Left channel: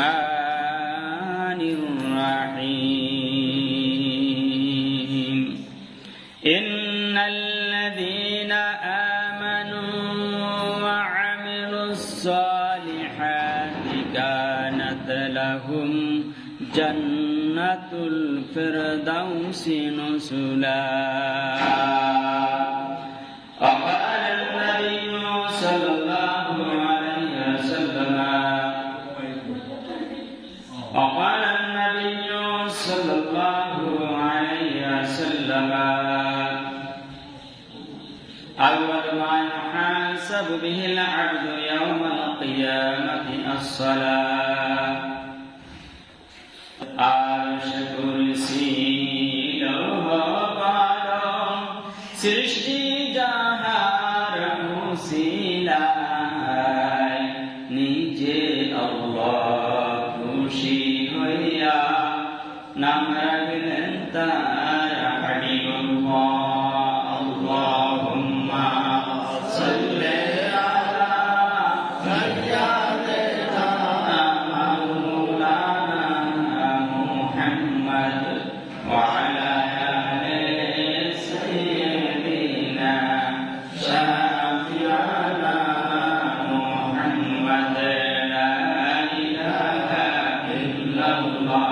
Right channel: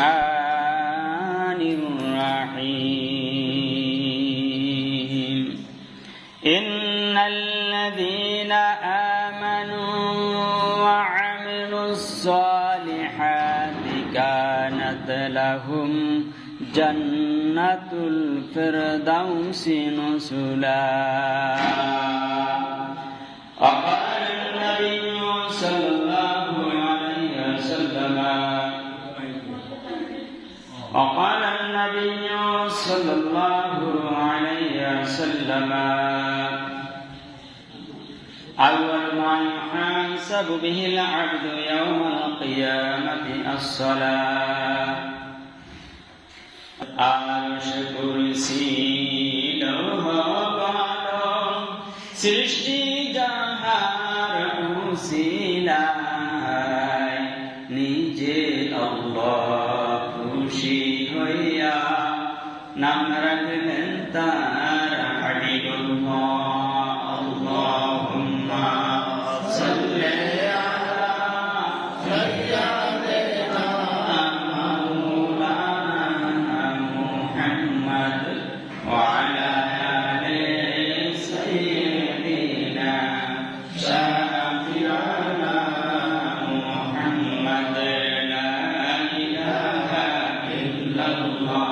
الرحمن الرحيم إن الذين آمنوا وعملوا الصالحات كانت لهم جنة الفردوس نزلا وقال النبي صلى الله عليه وسلم وقال النبي صلى الله عليه وسلم أول ما يحاسب به العبد يوم القيامة الصلاة আরশ কুরসি লৌহ কলম সৃষ্টি যাহার উসিলায় নিজে আল্লাহ খুশি হইয়া নাম রাখলেন তার হাবিবুল্লাহ আল্লাহুম্মা সাল্লি আলা সাইয়্যিদিনা মাওলানা মুহাম্মদ ওয়া আলা আলি সাইয়্যিদিনা শাফি'ানা মুহাম্মদ লা ইলাহা ইল্লাল্লাহ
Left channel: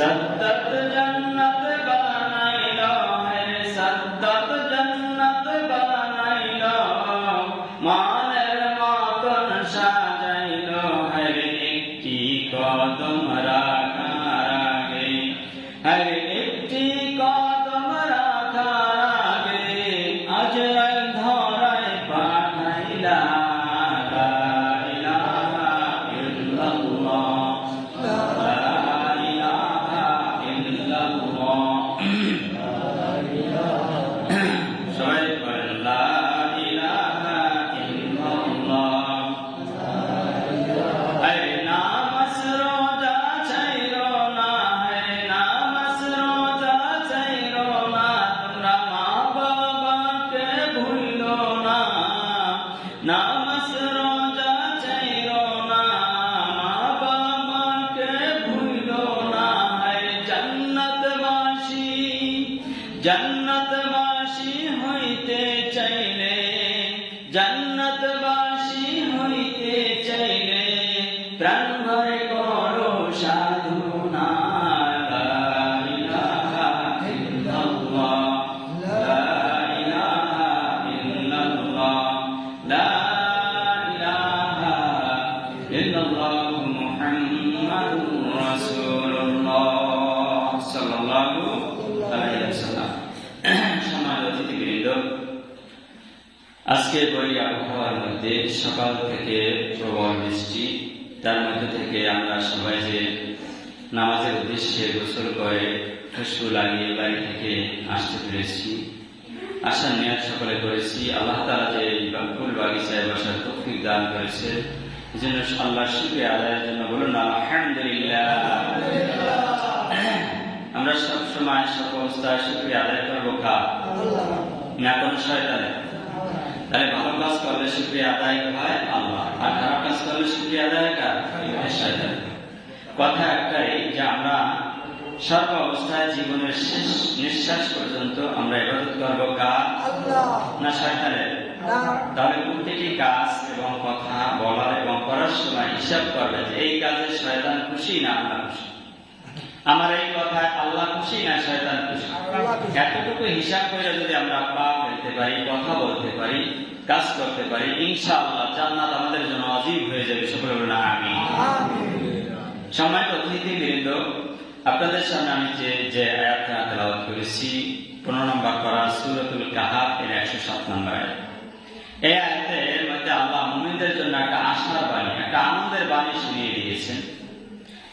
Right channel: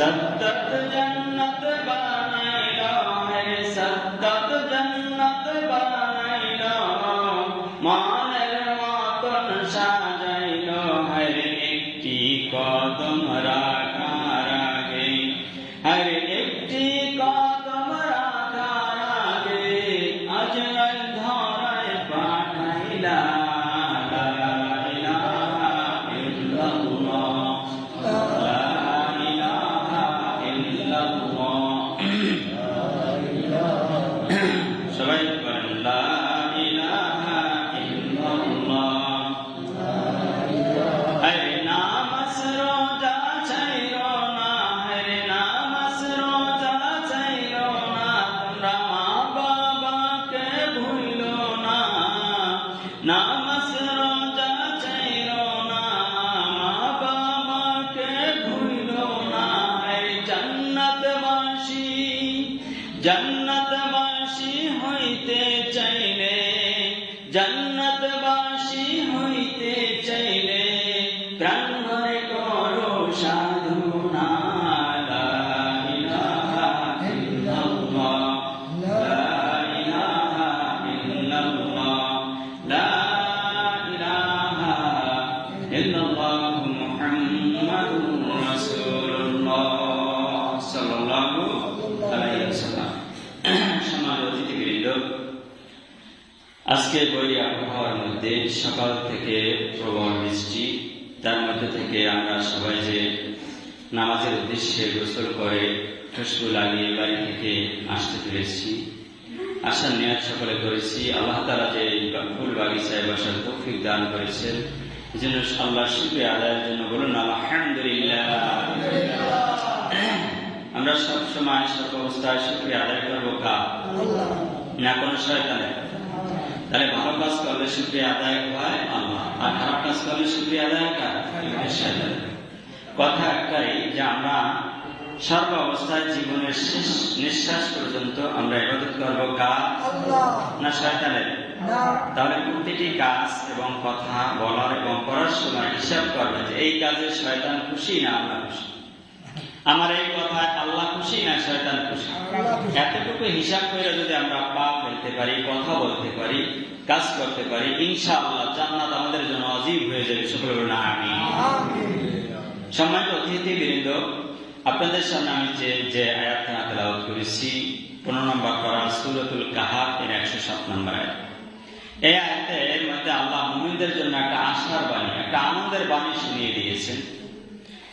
सद्दत जन्नत बनाइलो है सद्दत जन्नत बनाइलो मानेर मतन साजाइलो हर एकटी कदम राखार आगे हर एकटी कदम राखार आगे आजराइल धराय पाठाइला ला इलाहा इल्लाल्लाह সবাই বলেন লা ইলাহা ইল্লাল্লাহ আরে নামাজ রোজা ছাইরো না আরে নামাজ রোজা ছাইরো না তোমরা মা বাবাকে ভুলো না নামাজ রোজা ছাইরো না মা বাবাকে ভুলো না আরে জান্নাতবাসী হইতে চাইলে জান্নাতবাসী হইতে চাইলে প্রাণ ভরে করো সাধনা লা ইলাহা ইল্লাল্লাহ লা ইলাহা ইল্লাল্লাহ লা ইলাহা ইল্লাল্লাহ মুহাম্মাদুর রাসূলুল্লাহ সাল্লাল্লাহু আলাইহি ওয়াসাল্লাম। সম্মানিত অতিথিবৃন্দ, আজকের বই আবহাওয়ার মধ্যে সকাল থেকে প্রবল বৃষ্টি, তার মধ্যে থেকে আমরা সবাই যে নামাজের উদ্দেশ্যে গোসল করে খুশবু লাগিয়ে বাড়ি থেকে আসতে পেরেছি, আসার নিয়ত সকলে করেছি। আল্লাহ তাআলা যে ফুল বাগিচায় বসার তৌফিক দান করেছেন, এজন্য আল্লাহর শুকরিয়া আদায়ের জন্য বলুন আলহামদুলিল্লাহ। আমরা সব সময় সব অবস্থায় শুকরিয়া আদায় করবো কার? না কোন শয়তানের? তাহলে ভালো কাজ করলে শুকরিয়া আদায় হয় আল্লাহ, আর খারাপ কাজ করলে শুকরিয়া আদায় কার? শয়তানের। কথা একটাই যে আমরা সর্ব অবস্থায় জীবনের শেষ নিঃশ্বাস পর্যন্ত আমরা ইবাদত করবো কার? না শয়তানের? তাহলে প্রতিটি কাজ এবং কথা বলার এবং করার সময় হিসাব করবে যে এই কাজে শয়তান খুশি না আল্লাহ খুশি, আমার এই কথায় আল্লাহ খুশি না শয়তান খুশি। এতটুকু হিসাব করে যদি আমরা পা ফেলতে পারি, কথা বলতে পারি, কাজ করতে পারি, ইনশাআল্লাহ জান্নাত আমাদের জন্য আজীব হয়ে যাবে। সকলে বলুন আমিন। সম্মানিত অতিথিবৃন্দ, আপনাদের সামনে আমি যে আয়াতটা তেলাওয়াত করেছি 15 নম্বর পারা সূরাতুল কাহাফ এর 107 নম্বর আয়াত। এই আয়াতের মধ্যে আল্লাহ মুমিনদের জন্য একটা আশার বাণী, একটা আনন্দের বাণী শুনিয়ে দিয়েছেন।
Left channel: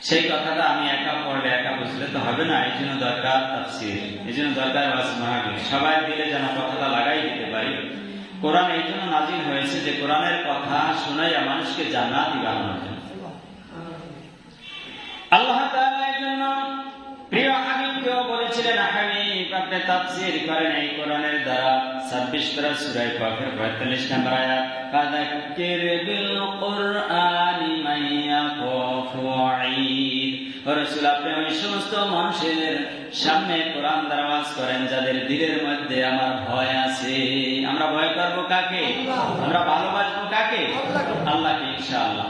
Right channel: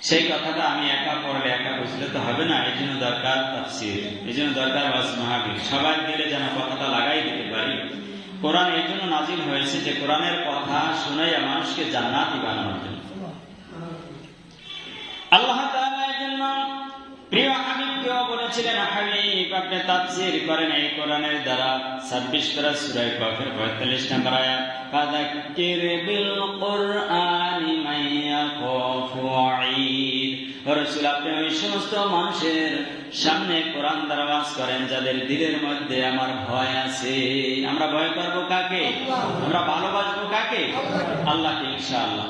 সেই কথাটা আমি একা পড়লে একা বুঝলে তো হবে না, এই জন্য দরকার তাফসীর, এই জন্য দরকার ওয়াজ মাহফিল। সবাই দিলে যেন কথাটা লাগাই দিতে পারি, কোরআন এই জন্য নাজিল হয়েছে যে কোরআনের কথা শুনাইয়া মানুষকে জান্নাতি বানানোর জন্য। আল্লাহ তাআলা এই জন্য প্রিয় হাবিবকেও বলেছিলেন, হাবিব আপনি তাফসীর করেন এই কোরআনের দ্বারা। 26 পারা সূরা কাফের 45 নম্বর আয়াত, ফাযাক্কির বিল কুরআনি মান ইয়াখাফু ওয়াঈদ। রাসূল আপনি ওই সমস্ত মানুষের সামনে কোরআন দ্বারা ওয়াজ করেন যাদের দিলের মধ্যে আমার ভয় আছে। আমরা ভয় করব কাকে? আমরা ভালোবাসবো কাকে? আল্লাহকে ইনশাআল্লাহ।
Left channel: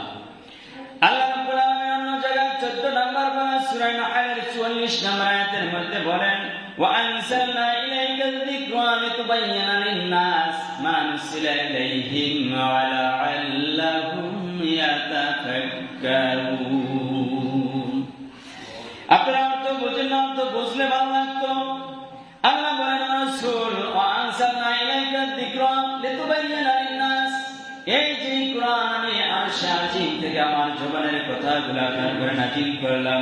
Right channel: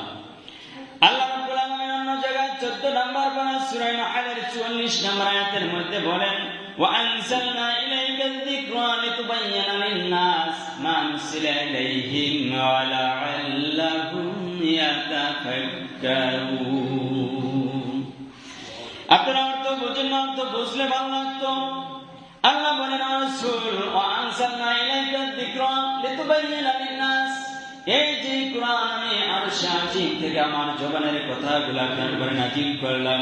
আল্লাহ রাব্বুল আলামিন অন্য জায়গায় 14 নম্বর পারা সূরা নাহলের 44 নম্বর আয়াতের মধ্যে বলেন, ওয়া আনসালনা ইলাইকাল যিকরা লিতুবাইয়ানা লিন-নাস মা নুসিলা ইলাইহিম ওয়া লা'আল্লাহুম ইয়াতাফাক্কারুন। আপনারা অর্থ বুঝেন না, অর্থ বুঝলে ভালো লাগতো। আল্লাহ বলেন, রাসূল ওয়া আনসালনা ইলাইকাল যিকরা লিতুবাইয়ানা লিন-নাস, এই যে কোরআন আমি আরশ আজিম থেকে আমার জবানের কথাগুলো আপনার উপরে নাযিল করলাম,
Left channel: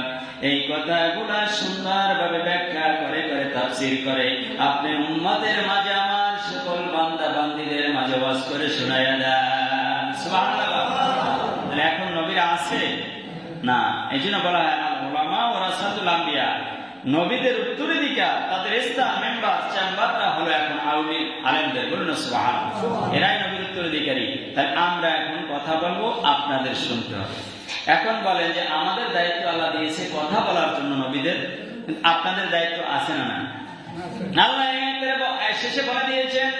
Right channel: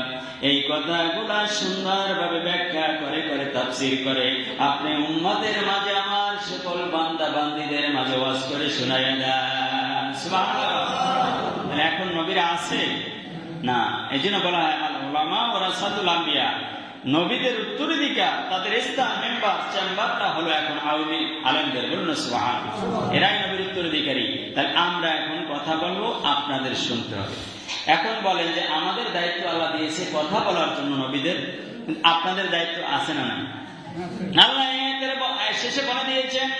এই কথাগুলা সুন্দরভাবে ব্যাখ্যা করে করে তাফসীর করে আপনি উম্মতের মাঝে আমার সকল বান্দা বান্দীদের মাঝে ওয়াজ করে শোনায়া দেন। সুবহানাল্লাহ। এখন নবীরা আছে না, এই জন্য বলা হয় আল উলামা ওয়ারাসাতুল আম্বিয়া, নবীদের উত্তরাধিকার, তাদের স্থান মেম্বার চেম্বারটা হলো এখন আলেমদের। বলুন সুবহানাল্লাহ। এরাই নবীর উত্তরাধিকারী। তাই আমরা এখন কথা বলবো, আপনাদের শুনতে হবে। এখন বলেন যে আমাদের দায়িত্ব আল্লাহ দিয়েছে কথা বলার জন্য নবীদের, আপনাদের দায়িত্ব আছে না নাই? আল্লাহ শেষে বলে দিয়েছেন,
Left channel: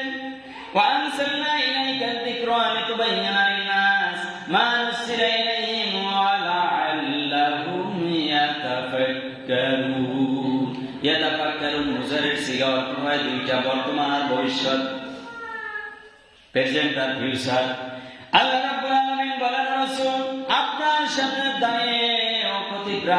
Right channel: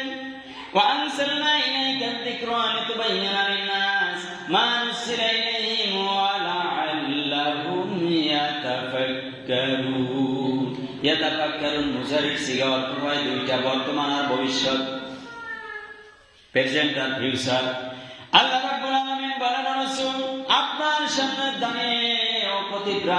وَأَنزَلْنَا إِلَيْكَ الذِّكْرَ لِتُبَيِّنَ لِلنَّاسِ مَا نُزِّلَ إِلَيْهِمْ وَلَعَلَّهُمْ يَتَفَكَّرُونَ। ইয়াতাফাক্কারুন মুজারির সিগা অর্থ হয় দুইটা, বর্তমান আর ভবিষ্যৎ, প্রেজেন্ট আর ফিউচার। আল্লাহ রাব্বুল আলামিন বলেন, রাসূল আপনার সামনে দাঁড়িয়ে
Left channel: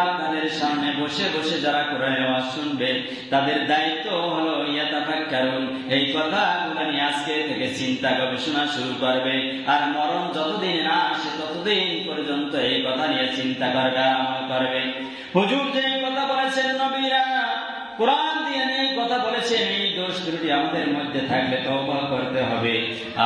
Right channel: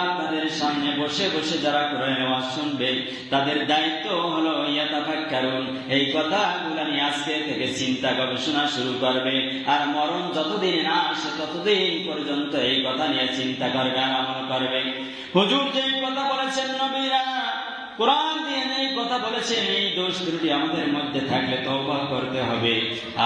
আপনাদের সামনে বসে বসে যারা কোরআনের ওয়াজ শুনবে তাদের দায়িত্ব হলো ইয়াতাফাক্কারুন, এই কথাগুলো নিয়ে আজকে থেকে চিন্তা গবেষণা শুরু করবে। আর মরণ যতদিন না আসে ততদিন পর্যন্ত এই কথা নিয়ে চিন্তা করবে আর আমল করবে। হুজুর যে কথা বলেছেন, নবীরা কোরআন দিয়ে এই কথা বলেছেন, এই দোষ ত্রুটি আমাদের মধ্যে থাকলে তওবা করতে হবে।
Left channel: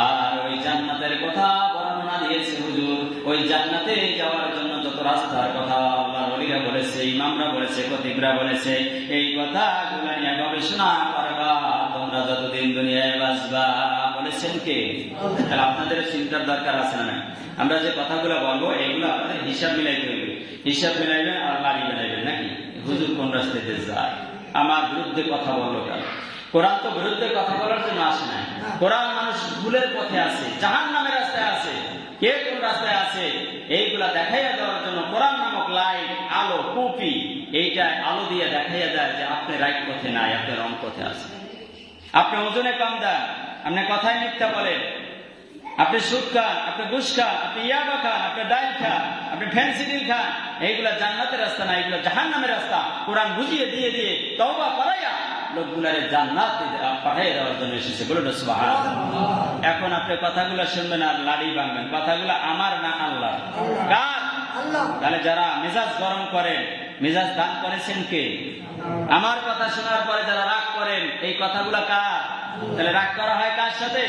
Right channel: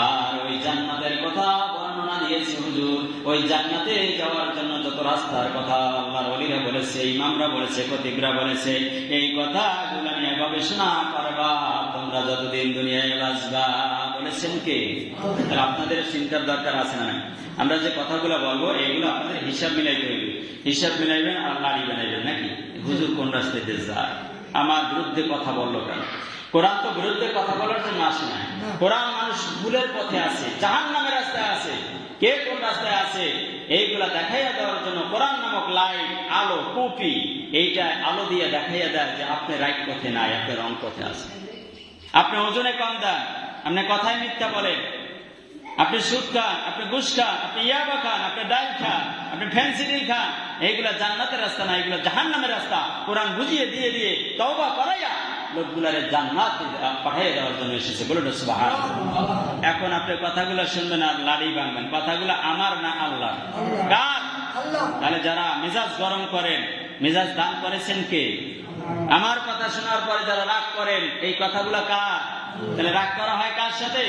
আর ওই জান্নাতের কথা বর্ণনা দিয়েছে হুজুর, ওই জান্নাতে যাওয়ার জন্য যত রাস্তার কথা আল্লাহর ওলিরা বলেছে, ইমামরা বলেছে, খতিবরা বলেছে, এই কথাগুলো নিয়ে গবেষণা করবা তোমরা যতদিন দুনিয়ায় বাঁচবা। বলেছেন কে? তাহলে আপনাদের চিন্তার দরকার আছে না নাই? আমরা যে কথাগুলো বলবো এগুলো আপনাদের হিসাব মিলাইতে হইবে। হিসাব মিলাইবেন আর লাড়ি বানাইবেন নাকি? হুজুর কোন রাস্তাতে যায়, আমার বিরুদ্ধে কথা বললো কেন? কোরআন তো বিরুদ্ধে কথা বলার জন্য আসে না। কোরআন মানুষ ভুলের পথে আছে, জাহান্নামের রাস্তায় আছে, কে কোন রাস্তায় আছে এইগুলা দেখাইয়া দেওয়ার জন্য কোরআন নামক লাইট, আলো, কুপি, এইটা আলো দিয়ে দেখাইয়া দেয় যে আপনি রাইট পথে নাই, আপনি রং পথে আছেন। আপনি ওজনে কম দেন, আপনি কথায় মিথ্যা বলেন, আপনি সুদ খান, আপনি ঘুষ খান, আপনি ইয়াবা খান, আপনি ডাইল খান, আপনি ফেন্সিডিল খান, এইগুলা জান্নাতের রাস্তা না, এগুলা জাহান্নামের রাস্তা। কোরআন বুঝিয়ে দিয়ে দিয়ে তওবা করাইয়া লোকগুলারে জান্নাত পাঠিয়ে দেওয়ার জন্য এসেছে। বলুন সুবহানাল্লাহ। এখন আপনি কথাগুলো শুনবেন আর লাড়ি ভাঙবেন। কথাগুলো আমার না আল্লাহ? কার? তাহলে যারা মেজাজ গরম করেন, মেজাজ দান করেছেন কে? আমার কথা শোনার পরে যারা রাগ করেন, এই কথাগুলো কার? তাহলে রাগ করা হয় কার সাথে?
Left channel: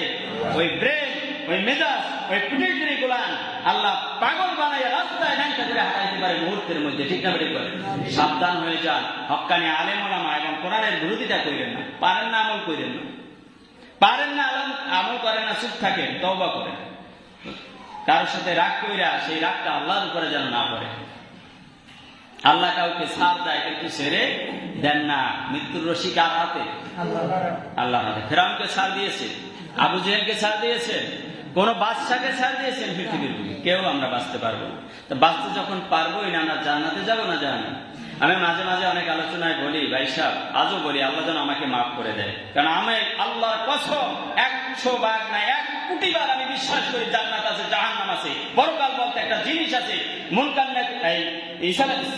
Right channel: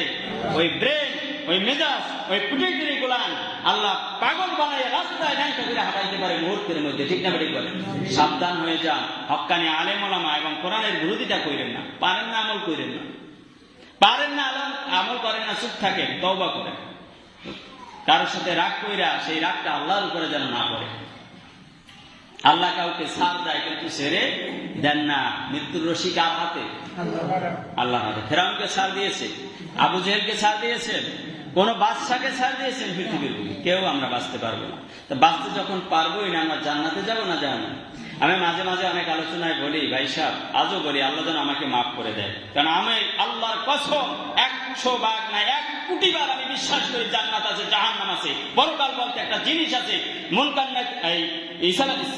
ওই ব্রেন, ওই মেজাজ, ওই পুটিগিরি গুলান আল্লাহ পাগল বানাইয়া রাস্তায় ঢাঙ্কা করে হাঁটাইতে পারে মুহূর্তের মধ্যে। ঠিক না বেঠিক বলেন? সাবধান হয়ে যান। হক্কানি আলেম ওলামা এবং কোরআনের বিরোধিতা করেন না, পারেন না আমল করেন না, পারেন না আমল করেন না, চুপ থাকেন, তওবা করেন। কারোর সাথে রাগ কইরা সেই রাগটা আল্লাহর উপরে যেন না পড়ে। আল্লাহ কাউকে ছাড় দেয় কিন্তু ছেড়ে দেন না। মৃত্যুর রশি কার হাতে? আল্লাহর হাতে। ফেরাউনকে ছাড় দিয়েছে, আবু জেহেলকে ছাড় দিয়েছেন, কোন বাদশাকে ছাড় দিয়েছেন পৃথিবীর বুকে? কেউ আমরা বাঁচতে পারবো না। তো বাঁচতে যখন পারবোই না, আমরা জান্নাতে যাবো না জাহান্নামে? আমি মাঝে মাঝে অনেক আলোচনায় বলি, ভাই সাহেব আজও বলি, আল্লাহ যেন আমাকে মাফ করে দেয়। কারণ আমি আল্লাহর কসম 100 ভাগ না 1 কোটি বার আমি বিশ্বাস করি জান্নাত আছে, জাহান্নাম আছে, পরকাল বলতে একটা জিনিস আছে। মুনকার ঈসা আলাইহিস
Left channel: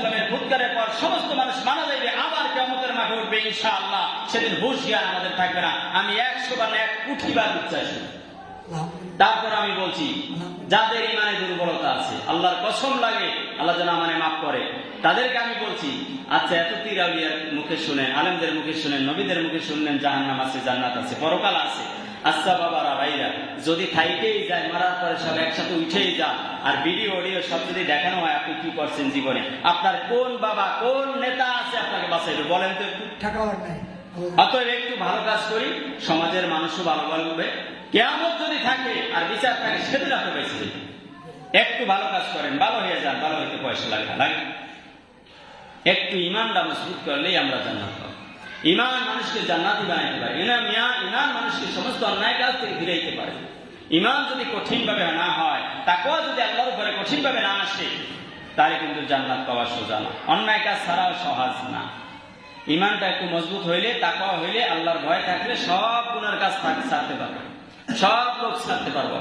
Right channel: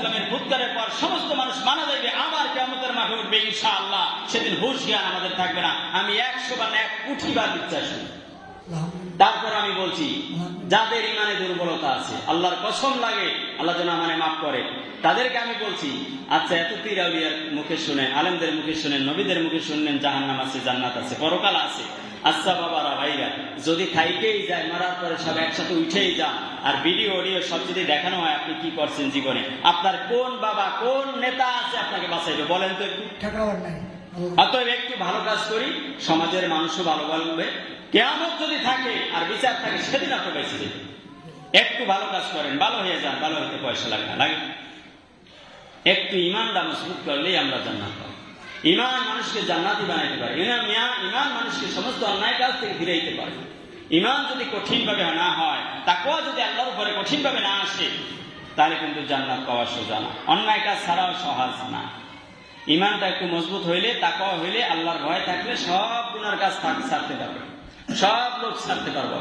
সালামের ফুৎকারের পর সমস্ত মানুষ মারা যাবে, আবার কিয়ামতের মাঠে উঠবে ইনশাআল্লাহ। সেদিন হুঁশ জ্ঞান আমাদের থাকবে না। আমি 100 বার না 1 কোটি বার বিশ্বাস করি। তারপর আমি বলছি, যাদের ইমানে দুর্বলতা আছে, আল্লাহর কসম লাগে আল্লাহ যেন আমারে মাফ করে, তাদেরকে আমি বলছি, আচ্ছা এত পীর আউলিয়ার মুখে শুনেন, আলেমদের মুখে শুনেন, নবীদের মুখে শুনলেন জাহান্নাম আছে, জান্নাত আছে, পরকাল আছে, আচ্ছা বাবারা ভাইরা, যদি থাইকেই যায় মারার পরে সব একসাথে উঠেই যান আর ভিডিও অডিও সব যদি দেখানো হয় আপনি কি করছেন জীবনে, আপনার কোন বাবা কোন নেতা আছে আপনাকে বাঁচাইবে বলেন তো একটু? অতএব একটু ভালো কাজ করি, সমাজের মানুষও ভালো বলবে। কিয়ামত যদি থাকে আর বিচার থাকে সেদিন আপনি বেঁচে যাবেন। একটু ভালো কাজ করেন, ভালো হয়ে যান, ভালো হইতে পয়সা লাগে না, লাগে একটু ইমানটা মজবুত করলেই আমরা জান্নাত পাবো। ইমান মানুষকে জান্নাতি বানাইতে পারে, ইমান মানুষকে সমস্ত অন্যায় কাজ থেকে ফিরাইতে পারে। ইমান যদি কঠিন ভাবে না হয়, তাকওয়া যদি আল্লাহর উপরে কঠিন ভাবে না আসে, তাহলে কিন্তু জান্নাত পাওয়া সোজা না, অন্যায় কাজ ছাড়াও সহজ না। ইমানটা একটু মজবুত হইলে, তাকওয়া হইলে, আল্লাহর ভয় থাকলে সব গুনার কাজ ছাড়তে পারবে, সব লোক ছাড়তে পারবো।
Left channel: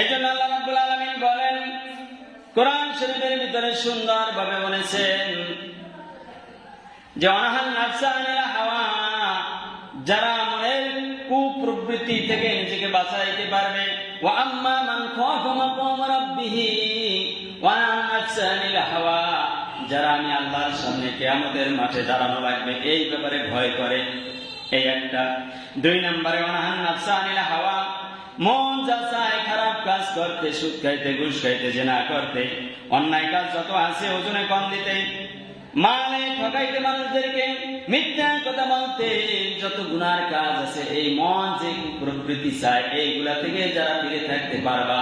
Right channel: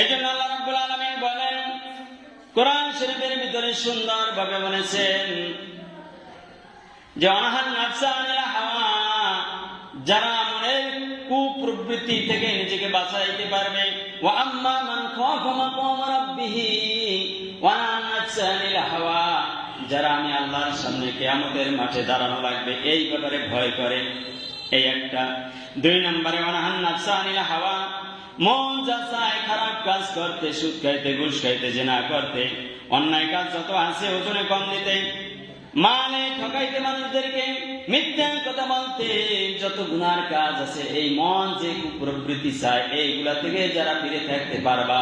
এই জন্য আল্লাহ রাব্বুল আলামিন বলেন, কোরআন শরীফের ভিতরে সুন্দর ভাবে বলেছেন যে অনাহান নাফসা আনিল হাওয়া, যারা মনের কুপ্রবৃত্তি থেকে নিজেকে বাঁচাইতে পারবে, ওয়া আম্মা মান খাফা মাকাম রাব্বিহি ওয়া নাহান নাফসা আনিল হাওয়া, যারা আমি আল্লাহর সামনে কিয়ামতের মাঠে দাঁড়ানো লাগবে এই ব্যাপারে ভয় করে, এই একটা। 2 নম্বরে অনাহান নাফসা আনিল হাওয়া, মন যা চায় খারাপ কাজ করতে, সুদ খাইতে, ঘুষ খাইতে, জিনা করতে, অন্যায় কাজ যত আছে ওজনে কম দিতে, মানে ঠকাইতে মানুষদেরকে, মিথ্যা কথা বলতে, যত গুনার কাজ আছে, এই মন যে প্রবৃত্তি চায় এইগুলা থেকে যারা ফিরে থাকতে পারবা,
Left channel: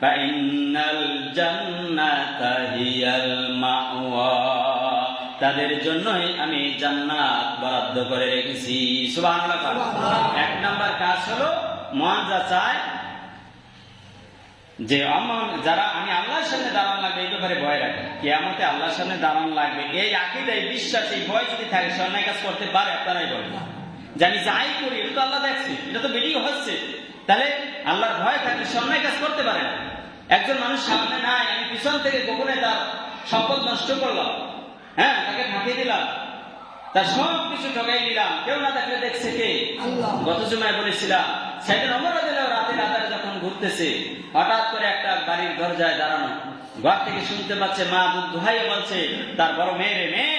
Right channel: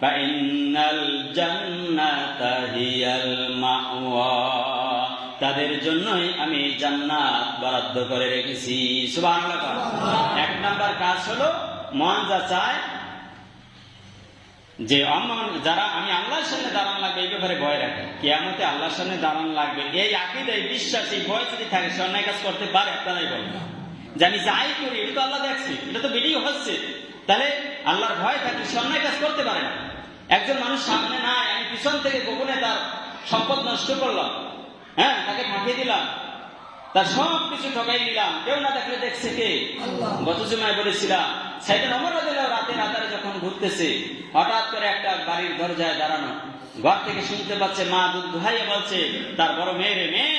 ফাইনাল জান্নাতা হিয়াল মাওয়া, তাদের জন্যই আমি জান্নাত বরাদ্দ করে রেখেছি। সুবহানাল্লাহ। 1 নাম্বার কাজ হলো মন যা চায়, যে যারা আমি আল্লাহর সামনে দাঁড়ান লাগবে এই ব্যাপারে ভয় রাখে, কিয়ামতে আল্লাহর সামনে দাঁড়ান লাগবে এই আকীদা, এই বিশ্বাস, এই ভয় যদি থাকে, সে অন্যায় কাজ করতে পারে। আপনারাই বলেন যে আমি যাই করি এটা তো আল্লাহ দেখছি, এটা তো ভিডিও হচ্ছে, তাহলে আল্লাহর ভয় থাকলে সে অন্যায় কাজ করতে পারে না। একজন মানুষ সামনে নাই, আমি পিছন থেকে গোপনে তার সম্পদ নষ্ট করলাম, হ্যাঁ, তাকে ফাঁকিয়ে দিলাম, তার সব কিছু ঠকাই দিলাম, কেউ না দেখলে দেখছে কে? গত জুমায় বলেছিলাম, সাইয়েদনা ওমর রাদিয়াল্লাহু রাতে যখন ঘুরতেছে, হঠাৎ করে একটা বাড়ির দরজায় দাঁড়ানো, ঘর থেকে শুনতে পাচ্ছে মা দুধ দুহাইয়া বলছে তার বড় মেয়েরে, মেয়ে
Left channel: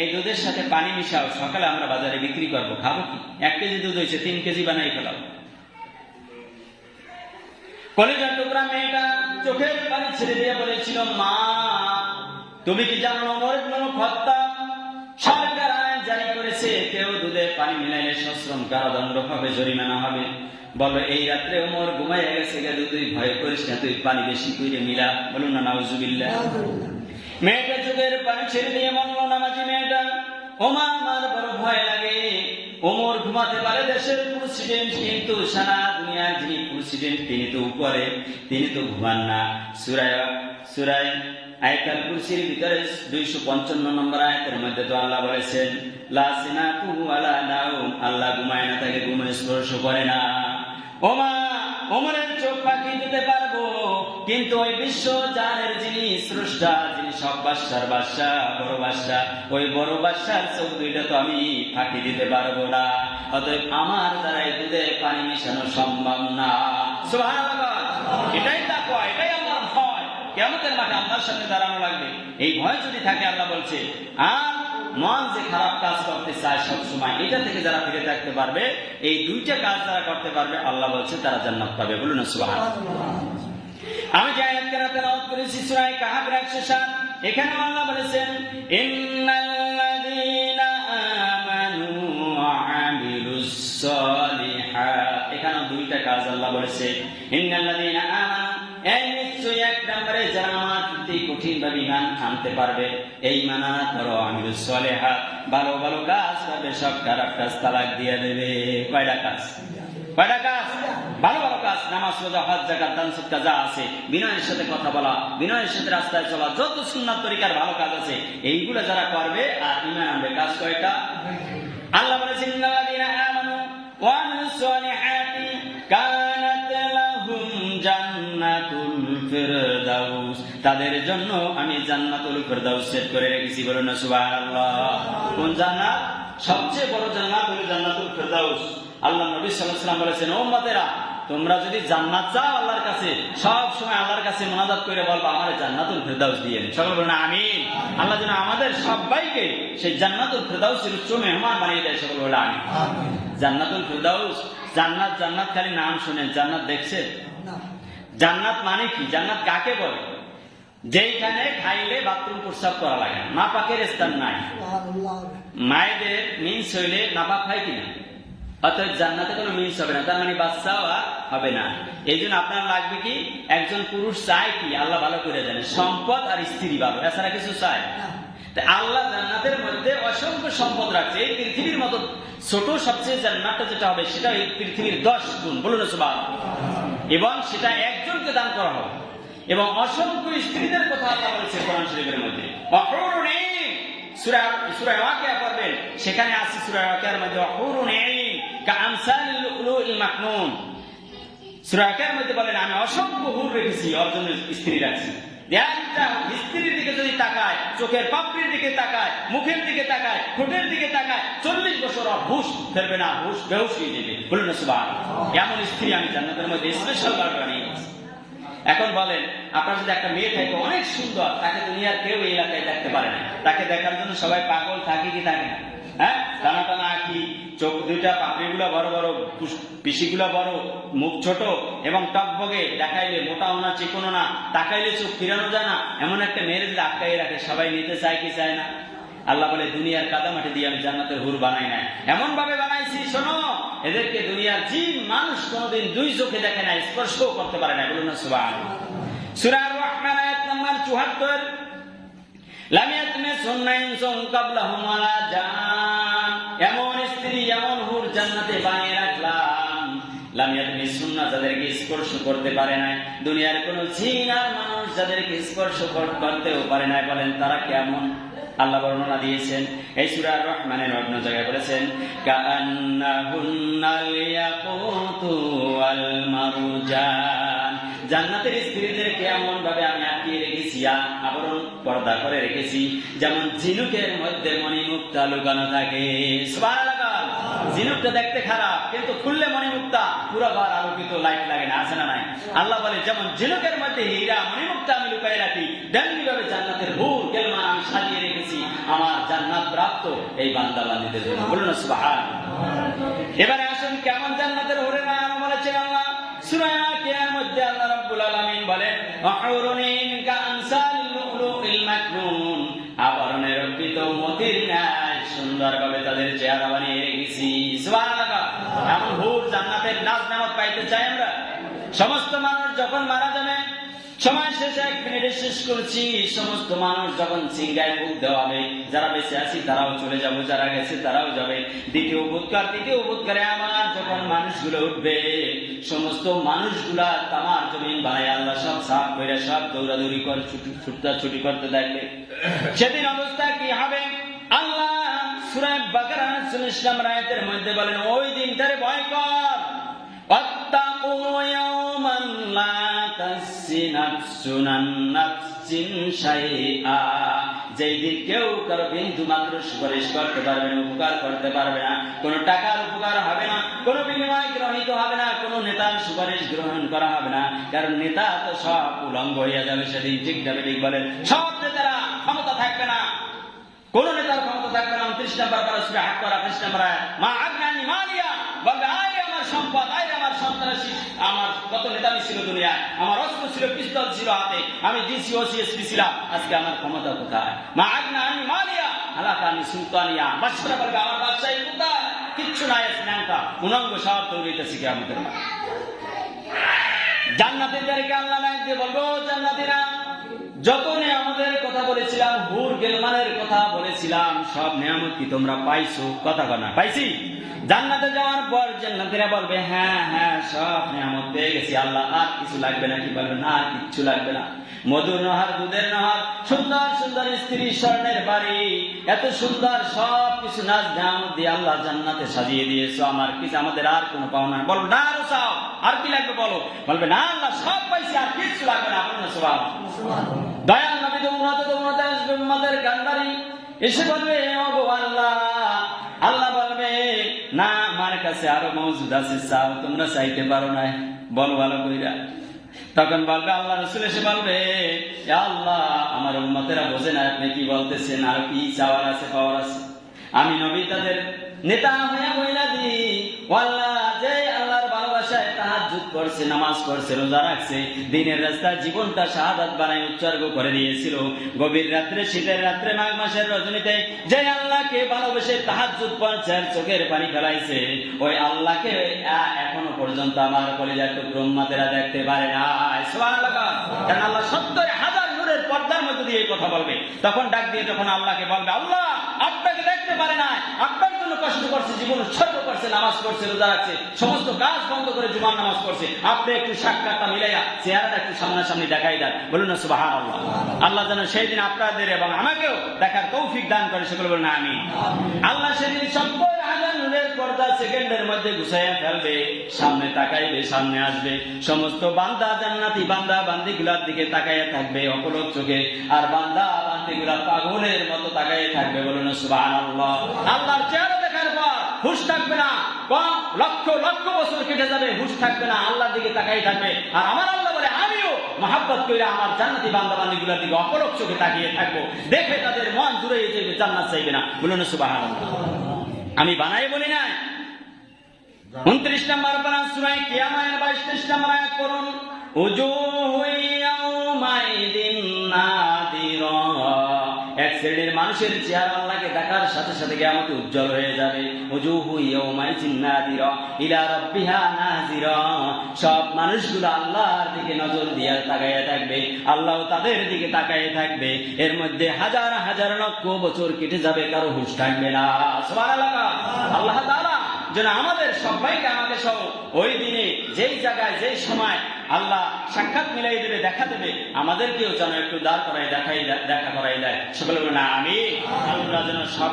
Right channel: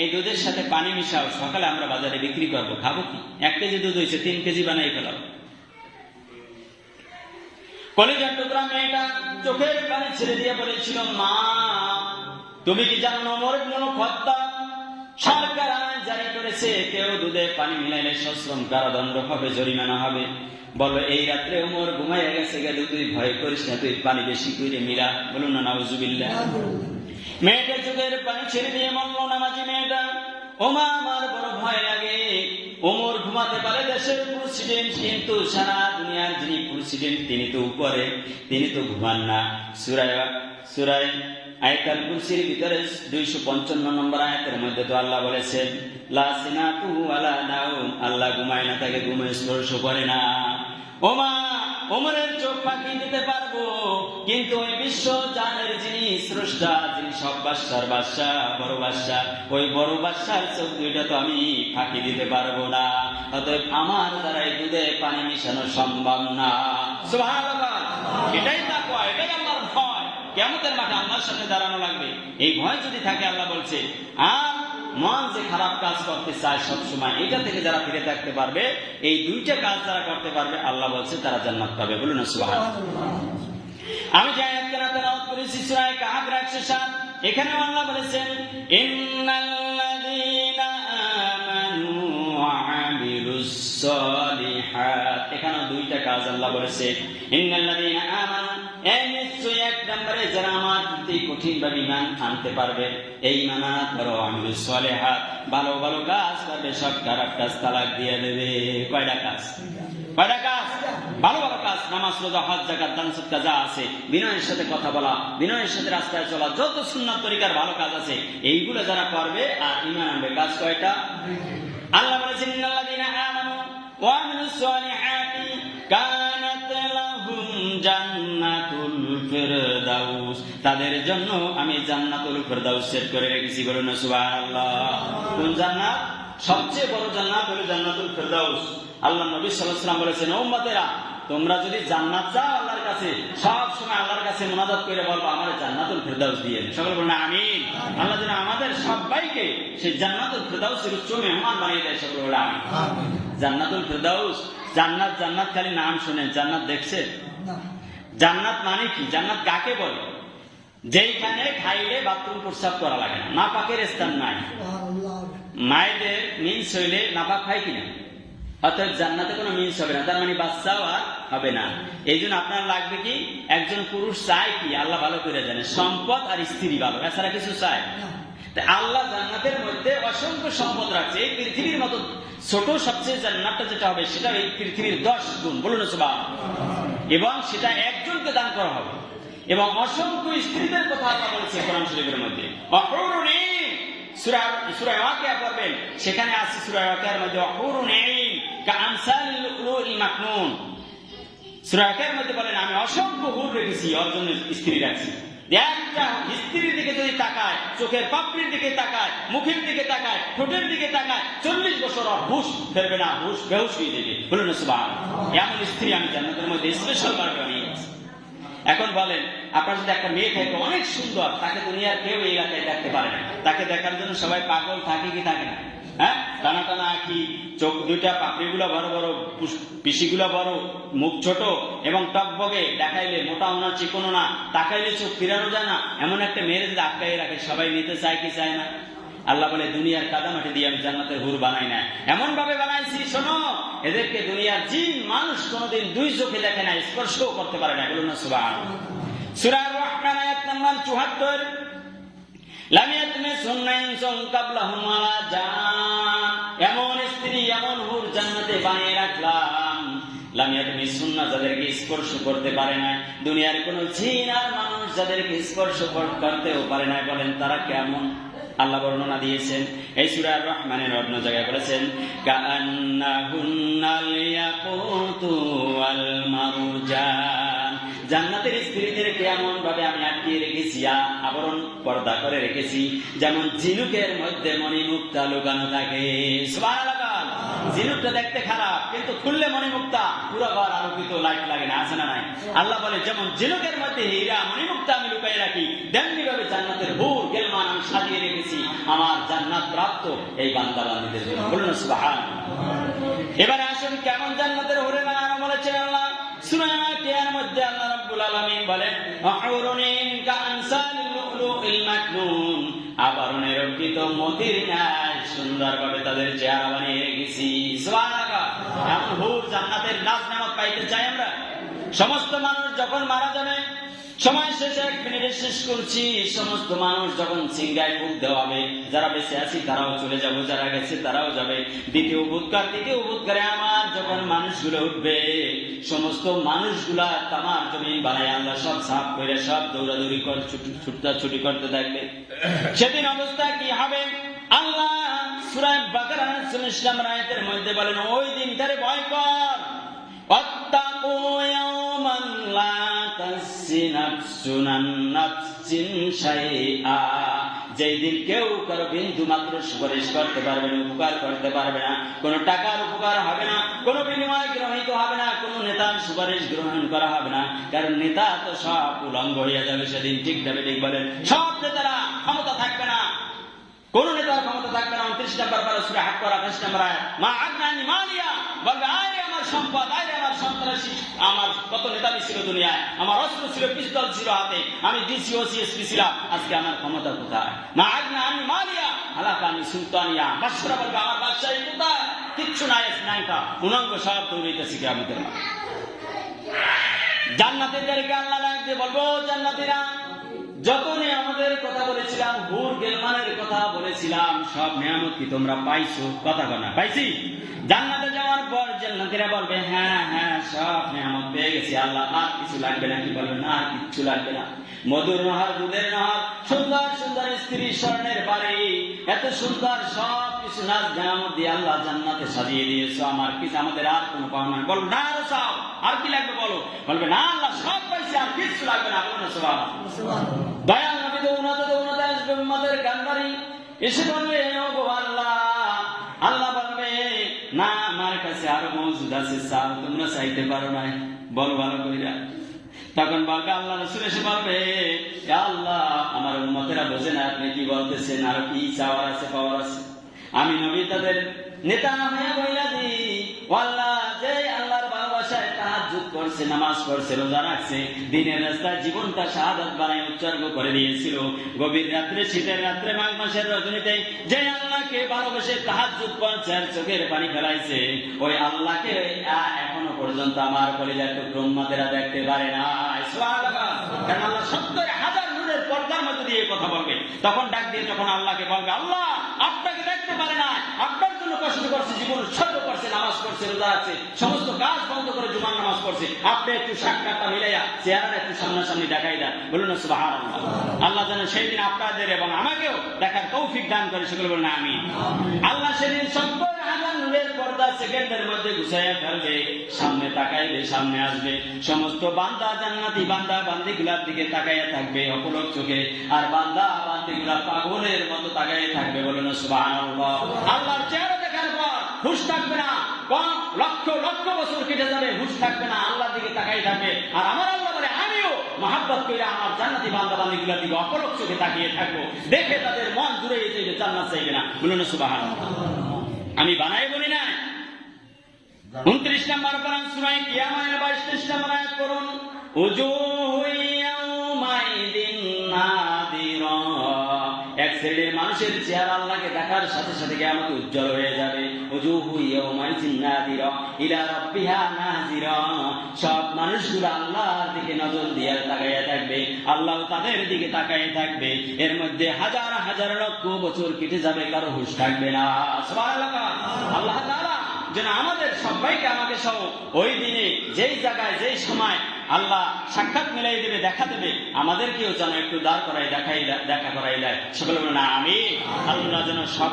এই দুধের সাথে পানি মিশাও, সকালে আমরা বাজারে বিক্রি করবো, খাবো কি? 1 কেজি দুধ হয়েছে, 3 কেজি বানাই ফেলাও। কলিজার টুকরা মেয়েটা চোখের পানি ছেড়ে দিয়ে বলেছিল, মা তুমি কি জানো ওমর ইবনে খাত্তাব সরকার আইন জারি করেছে, কেউ দুধে পানি মিলাইলে সশ্রম কারাদণ্ড হবে, জরিমানা হবে। বলো এই রাত্রে ওমর ঘুমাইয়া গেছে, গেল তুই ভয় করিস না, তুই পানি বেশি করে মিলা। বলুন না নাউজুবিল্লাহ। মেয়েটা চোখের পানি ছেড়ে দিয়ে বলল, নামাজি মেয়েটা, ওমা আমার বড় ভয় লাগে, ওমর ঘুমাতে পারে, দেশের প্রেসিডেন্ট, কিন্তু সারা দুনিয়ার যিনি প্রেসিডেন্ট তিনি তো উপরে, তিনি তো ঘুমান না। সূরা আয়াতুল কুরসির ভিতরে 255 নম্বর আয়াতের মধ্যে তো আল্লাহ বলেছেন, লা সিনাতু ওয়ালা নাউম, আল্লাহ ঘুমায় না, তাকে ঘুমে স্পর্শ করে না। ওমা ওমরের চোখ ফাঁকি দিতে পারবো, কিন্তু ওই বিশ্ব জানের যিনি স্রষ্টা, যিনি সব বাদশার বাদশা, বড় বাদশা, ওই বড় বাদশার চোখ দুইটা তো আমি ফাঁকি দিতে পারবো না। অতএব আমার দ্বারাই দুধে পানি মিশানো সম্ভব না। সুবহানাল্লাহ। এটাই তাকওয়া, এটাই আমার ভয়। কিয়ামতের মাঠে আল্লাহর সামনে দাঁড়ানো লাগবে, এই ভয় যদি থাকে, আল্লাহ বলছে, আর মন যে খারাপ কাজ করতে চায় সবসময়, এটা থেকে যারা ফিরে থাকতে পারবে, এই 2টা কাজ যারা করতে পারবে, আল্লাহ বলছে তারা জান্নাত পাবে। বলুন সুবহানাল্লাহ। আমি যে আয়াতকে তেলাওয়াত করেছি সূরা কাহফের 107, এখানেও আল্লাহ বলেছেন, ইন্নাল্লাযীনা আমানু ওয়া আমিলুস সালিহাত, এখানেও 2টা কাজ আল্লাহ বলেছে। ইন্নাল্লাযীনা আমানু, এই নিশ্চয়ই 1 নম্বরে যারা আমার প্রতি কঠিন ভাবে ঈমান আনতে পারবে, এই ঈমান আনার পর আমিলুস সালিহাত, ভালো ভালো কাজ করবে, সব খারাপ কাজ তালাক দিয়ে দেবে। কয়টা কাজ? ভালো ভালো কাজ, নামাজ, রোজা, হজ, যাকাত, দান, সদকা যা আছে, বিনয়ের সাথে কথা বলা, বিনয়ের সাথে রাস্তায় চলা, যত সুন্নাত তরিকার ভালো কাজ আছে, এইগুলো যারা করবে আর ঈমান আনবে, কাজ কয়টা? আল্লাহ বলেছেন, ইন্নাল্লাযীনা আমানু ওয়া আমিলুস সালিহাতি কানাত লাহুম জান্নাতুল ফিরদাউস, তাদের জন্য আমি জান্নাতুল ফিরদাউস সেট করে রেখেছি। বলুন সুবহানাল্লাহ। কোন জান্নাত? সবচেয়ে বড় জান্নাত হলো জান্নাতুল ফিরদাউস। আল্লাহ নবী সাল্লাল্লাহু আলাইহি ওয়াসাল্লাম বলেছেন, উম্মতেরা তোমরা যদি জান্নাত চাও আল্লাহর কাছে, সব সময় আল্লাহর কাছে মুনাজাত করে বলবো আমাদের জান্নাতুল ফেরদাউস দিয়ে। সকল বলেন আমিন। আল্লাহ যেন আমাদের সবাইকে সেই জান্নাতুল ফেরদাউসের উচ্চ মেহমান বানিয়ে দেয়। সকল বলেন আমিন। জান্নাতুল ফেরদাউস, জান্নাত, জান্নাত খালি নাম শুনেন, জান্নাত দেখছে? জান্নাত মানে কি? জান্নাত কাকে বলে? যেইখানে খাইলে বাথরুম প্রস্রাব করা লাগে না, নাপাকের স্থান নাই। মায়েদের মিন্স হইলে নাপাক হয় কিনা? অর্থাৎ জান্নাতে কোনো মিন্স হবে না, তার মানে বাচ্চাও আর হবে না। এই জন্য আপনার লাগবে কি? একজন পুরুষ চায় কি? আল্লাহ ভালো করে জানে, সম্পদ আর স্ত্রী ভালো, এছাড়া কিছু চায়। আল্লাহ জান্নাতের মধ্যে অসংখ্য সম্পদ রাখছে। এই পৃথিবীর মতো ছোট সবচেয়ে জান্নাতটা যেটা হবে সেটা এই পৃথিবীর 10 গুণ, বলুন সুবহানাল্লাহ। এবং সেটা একজনকে দান করা হবে। এবং অসংখ্য স্ত্রীদের কথা আল্লাহ বলেছে কোরআন শরীফের মধ্যে। অহুরুন ঈন, সূরা ওয়াকিয়া পড়বেন, সেখানে আছে সূরা ওয়াকিয়ার মধ্যে অহুরুন ঈন কাআমসালিল লুলুল মাকনুন। সূরা ওয়াকিয়ার মধ্যে বলেন আমি অসংখ্য হুর রেখেছি, অর্জনের স্ত্রী রাখছি। একটা স্ত্রীর দিকে যদি তাকায়, চোখের পাপড়ির দিকে তাকায়, মুখের দিকে তাকায়, ঠোঁটের দিকে তাকায়, 40 বছর হুশ ফেরবে না, হুশ বেহুশ হয়ে যাবে। বলুন সুবহানাল্লাহ। এমন স্ত্রী আমি জান্নাতের মধ্যে স্পেশাল ভাবে বানিয়ে দিয়েছি। এখন বলেন, আপনার যদি একটা মেয়ে থাকে অনেক সুন্দর, তাকে দুনিয়ার কেউ এই এলাকায় দেখতে পারে না, তাকে দেখার জন্য সবাই পাগল থাকে কি থাকে না? হ্যাঁ, টানা টানা আঁখি, চোখ দুইটা, পাপড়িগুলো বড় বড়, পিসিগুলো বড়, মুখ ছোট এবং টকবগে, দেখাইলে মোটা না চিকনো না, তাকাইলে চোখ ফিরানো যায় না, এমন একটা মেয়ের যদি আটকাই রাখে সবাই নিতে চায় কি চায় না? আল্লাহ বলে দুনিয়ার কাদামাটি দিয়ে আমি জান্নাতের হুর বানাই না, এমন ভাবে বানাইছি, শোনো, এদেরকে দুনিয়ার জিন মানুষ কোনোদিন দুই চোখে দেখে না, স্পর্শও করতে পারে না। বলুন না সুবহানাল্লাহ। সূরা আর-রহমান আয়াত নাম্বার 74, লাম ইয়াতমিসহুন্না ইনসুন ক্বাবলাহুম ওয়ালা জান। এমন স্ত্রী, এমন হুর জান্নাতে বানিয়ে রাখলাম, লাম ইয়াতমিসহুন্না, যাদেরকে স্পর্শ করতে পারে না দুনিয়ার কোন জিন আর মানুষ, যাদেরকে স্পর্শ করতেও পারে না। বলেন তারা কেমন? আল্লাহ বর্ণনা দিয়েছেন এই সূরা আর-রহমানের অন্য জায়গায় বলেছেন কাআন্নাহুন্নাল ইয়াকুতু ওয়াল মারজান। জান্নাতের স্ত্রীদেরকে এমন ভাবে আমি আটকিয়ে রেখেছি, আবরণ পর্দা করে রেখেছি, যেমন ঝিনুকের মধ্যে মণিমুক্তা লুকানো থাকে। সুবহানাল্লাহ। ঝিনুকটা দেখতে খারাপ, কিন্তু খুললে মণিমুক্তা, পুরো ঘর আলোকিত, লাইট লাগে না, আছে না নাই? আল্লাহ বলে যেমন ঝিনুকের মধ্যে হীরা মণিমুক্তা আমি লুকাই রাখি, তেমনি ভাবে জান্নাতের হুর গেলমান আমি সাজিয়ে রেখেছি আমার জান্নাত প্রাপ্ত এই বান্দা বান্দীদের জন্য। বলুন সুবহানাল্লাহ। এবারে আসুন কেমন জান্নাতের হুরের নাম বলেছেন আল্লাহ সূরা আকিয়ার মধ্যে। আল্লাহ রাব্বুল আলামিন বলেন অহুরুন ঈন কাআমসালিল লুলুল মাকনুন, আবরণে রঞ্জিত মতির ন্যায় সুন্দরভাবে তাদের চেহারা বানিয়ে রেখেছি। সুবহানাল্লাহ। এমন হুর জান্নাতের নাজ নেয়ামত পাইতে চাই আমরা। সমস্ত মানুষ যখন মারা যাবে, সময় শেষে 1 মিনিটে শেষ করছি, সমস্ত মানুষ যখন সিংহায় ফুঁক দেওয়া হবে, যারা বেঁচে আছি তারাও চলে যাব, যারা গেছে তারাও যাবে। দ্বিতীয় বুধকারে আমার যখন মানুষগুলো উঠবে, সমস্ত মানুষগুলা তামার জমিন বানায় আল্লাহ সব সাফ করে, সব দৌড়াদৌড়ি করে ছুটি করতে থাকবে। সেদিন অবস্থা কি হবে? আল্লাহ সূরা বাকারা ৪০ নম্বর আয়াতের মধ্যে বলেন ওই দিনটারে ভয় কর। ওয়াত্তাকু ইয়াওমান লা তাজজি নাফসুন আন নাফসিন শাইআ, যেই দিন কেউ কারো বিন্দু মাত্র সুপারিশ করতে পারবে না, উপকার করতে পারবে না, কোন টাকার উপকার হবে না, কোন বিনিময় গ্রহীত হবে না, কোন নেতার সুপারিশ গ্রহণ করা হবে না, কারণ নেতা তো সব উলঙ্গ হইয়া যাবে সেদিন। ঠিক যাবে, ঠিক বলেন। সব নেতারা ক্ষমতা থাকবে না, কোন নেতার ক্ষমতা থাকবে না। 29 নম্বর পারা সূরা হাক্কার 28 নম্বর আয়াত। মা আগনানি মালিয়া, বলবে আরে আমার সম্পদ, আরে আমার সন্ত্রাসী, আমার কত নেতামি ছিল দুনিয়ায়, আমার অস্ত্র ছিল, পিস্তল ছিল হাতে, আমি ডিসি ওসি এসপি ছিলাম, আজকে আমার ক্ষমতা কোথায়? মা আগনানি মালিয়া হালাকানি সুলতানিয়া, বাদশারা বলবে আমার বাদশাহী কোথায়? কিচ্ছু নাই, স্নাঙ্কা উলঙ্গ সব দৌড়াইতেছি কিয়ামতের মাঠে। জান্নাতীদেরকে আল্লাহ ডাকবে, বলবো জান্নাতীরা, যত নিয়ামতের কথা বলেছিলাম, হুর গেলমানের কথা বলেছিলাম, সব নিয়ামত কি তোমরা পাইছো? কথা বলা পাইছি? জান্নাতে যাওয়ার পর জান্নাতীরা বলবে হ্যাঁ হ্যাঁ সব নিয়ামত পেয়ে গেছি আল্লাহ, আর কিছু লাগবে না। কি বলবে? না, আর কিচ্ছু লাগবে না। মধুর নহর, দুধের নহর, সুন্দর সুন্দর স্ত্রী, স্বর্ণের বাড়ি, এত সুন্দর সব কিছু নাজ নিয়ামত দিয়ে আল্লাহ জান্নাতে সাজিয়ে দিয়েছো, আমার কি আমাদের আর কোনো পাওনা? বল না, আরো চাও, আর কি লাগবে বলো? বলবে না আল্লাহ সব পাইছি, আর কিচ্ছু লাগবে না। বলুন সুবহানাল্লাহ। দয়াল নবী দৌড়াতে আসবে উম্মতের কান্ডারি, এসে বলবে ওগো আল্লাহ। আল্লাহ বলবে না, আমার কাছে আরো মওজুদ আছে, চাও, তোমরা চাইতে পারো না। বল ভালো কইরা। তখন বলবে আল্লাহ রাসূল এসে বলবে, ইয়া আল্লাহ, আমার উম্মতেরা বোঝে না আপনি কি বলতেছেন, আর কি চাওয়ার আছে পাওয়ার আছে। আমি নবী তাদের নেতা হইয়া কইরা দিই, ও আল্লাহ, যে আল্লাহর ভালোবাসায় তাহাজ্জুদ করছে, নামাজ পড়ছে, রোজা রাখছে, দিনের রাস্তায় জীবনটা শাহাদাত বানায় উৎসর্গ করে দিয়েছিল, গভীর রাত্রে, শীতের রাত্রে, মাঘ মাসের রজনীতে যে আল্লাহকে ভালোবেসে তাহাজ্জুদ পড়ছে আর চোখের পানি ফেলাইছে, ওই আল্লাহকে এখনো পর্যন্ত আমার কলিজার টুকরো উম্মতেরা দেখতে পারে না। সুবহানাল্লাহ। কারণ আল্লাহ ৭০,০০০ নূরের পর্দার মধ্যে দিয়ে কথা বলবে, তখন ডাক দিয়ে যখন আল্লাহকে বলবে, আল্লাহ, আপনাকে দেখতে পারে না, আপনার জন্য কষ্ট করছে, জীবন উৎসর্গ করছে, নামাজ পড়ছে, রোজা রাখছে, সমস্ত কাজ বন্ধ করে জুমার নামাজ পড়ছে, আপনি একটু সাক্ষাৎটা মিলাইয়া চেহারাটা একটু সামনাসামনি দেখাই দেন, বলুন না সুবহানাল্লাহ। আল্লাহ যেন সেই দিন আপনাদের এবং আমাকেও দেখার তৌফিক দান করে, সেগুলো বলুন না আমিন। আল্লাহ সেদিন ৭০,০০০ নূরের পর্দা সেকেন্ডের মধ্যে গুছাইয়া ফেলবে, সামনে তাকাইবে, সামনে আসবে, সমস্ত বান্দা, জান্নাতি বান্দা বান্দিগুলার দিকে তাকাইয়া থাকবে অপলক চোখে, আর বান্দা বান্দিগুলা পাগলের মতো তাকাইয়া থাকবে, বলুন সুবহানাল্লাহ। আল্লাহর চেহারা দেখার পর হুঁশ থাকবে না, লক্ষ লক্ষ বছর কেটে যাবে, হুঁশ থাকবে না, আল্লাহর দিকে তাকাই থাকবে। আর আমার আল্লাহ বলে, আমিও মহাব্বত করে আমার জান্নাতি বান্দা বান্দিগুলার দিকে অপলক চোখে তাকিয়ে থাকবো, দেখে তাদের মন জুড়ে যাবে, জান্নাত চাইবে না, বলুন সুবহানাল্লাহ। আমি বানাই বলি না। ২৯ নম্বর পারা সূরা কিয়ামাতের ২২ নম্বর আয়াত পড়ুন, উজুহু ইয়াউমাইদিন নাদিরা। এক শ্রেণীর মানুষের চেহারা আল্লাহকে দেখার সাথে সাথে কিয়ামতে উজ্জ্বল হয়ে যাবে। উজুহু ইয়াউমাইদিন নাদিরা ইলা রাব্বিহা নাযিরা। সব মানুষগুলো আল্লাহর দিকে নজর দিয়ে তাকাইয়া থাকবে, আল্লাহ তাদের দিকে তাকাইয়া থাকবে। এর মধ্যে হাজার হাজার লক্ষ বছর কেটে যাবে, কারো হুঁশ থাকবে না। সুবহানাল্লাহ। আল্লাহ তাআলা যেন আমাদের সবাইকে, আমাকে সহ ওই দিনে যেই জায়গায় যেই সময় আল্লাহ সাক্ষাৎ মিলাই দেবে, দেখা দেবে, আমাদেরকেও যেন একটু দাঁড় করাই দেখা করাই দেয়। সকলে বলে না আমিন। আল্লাহ যেন সব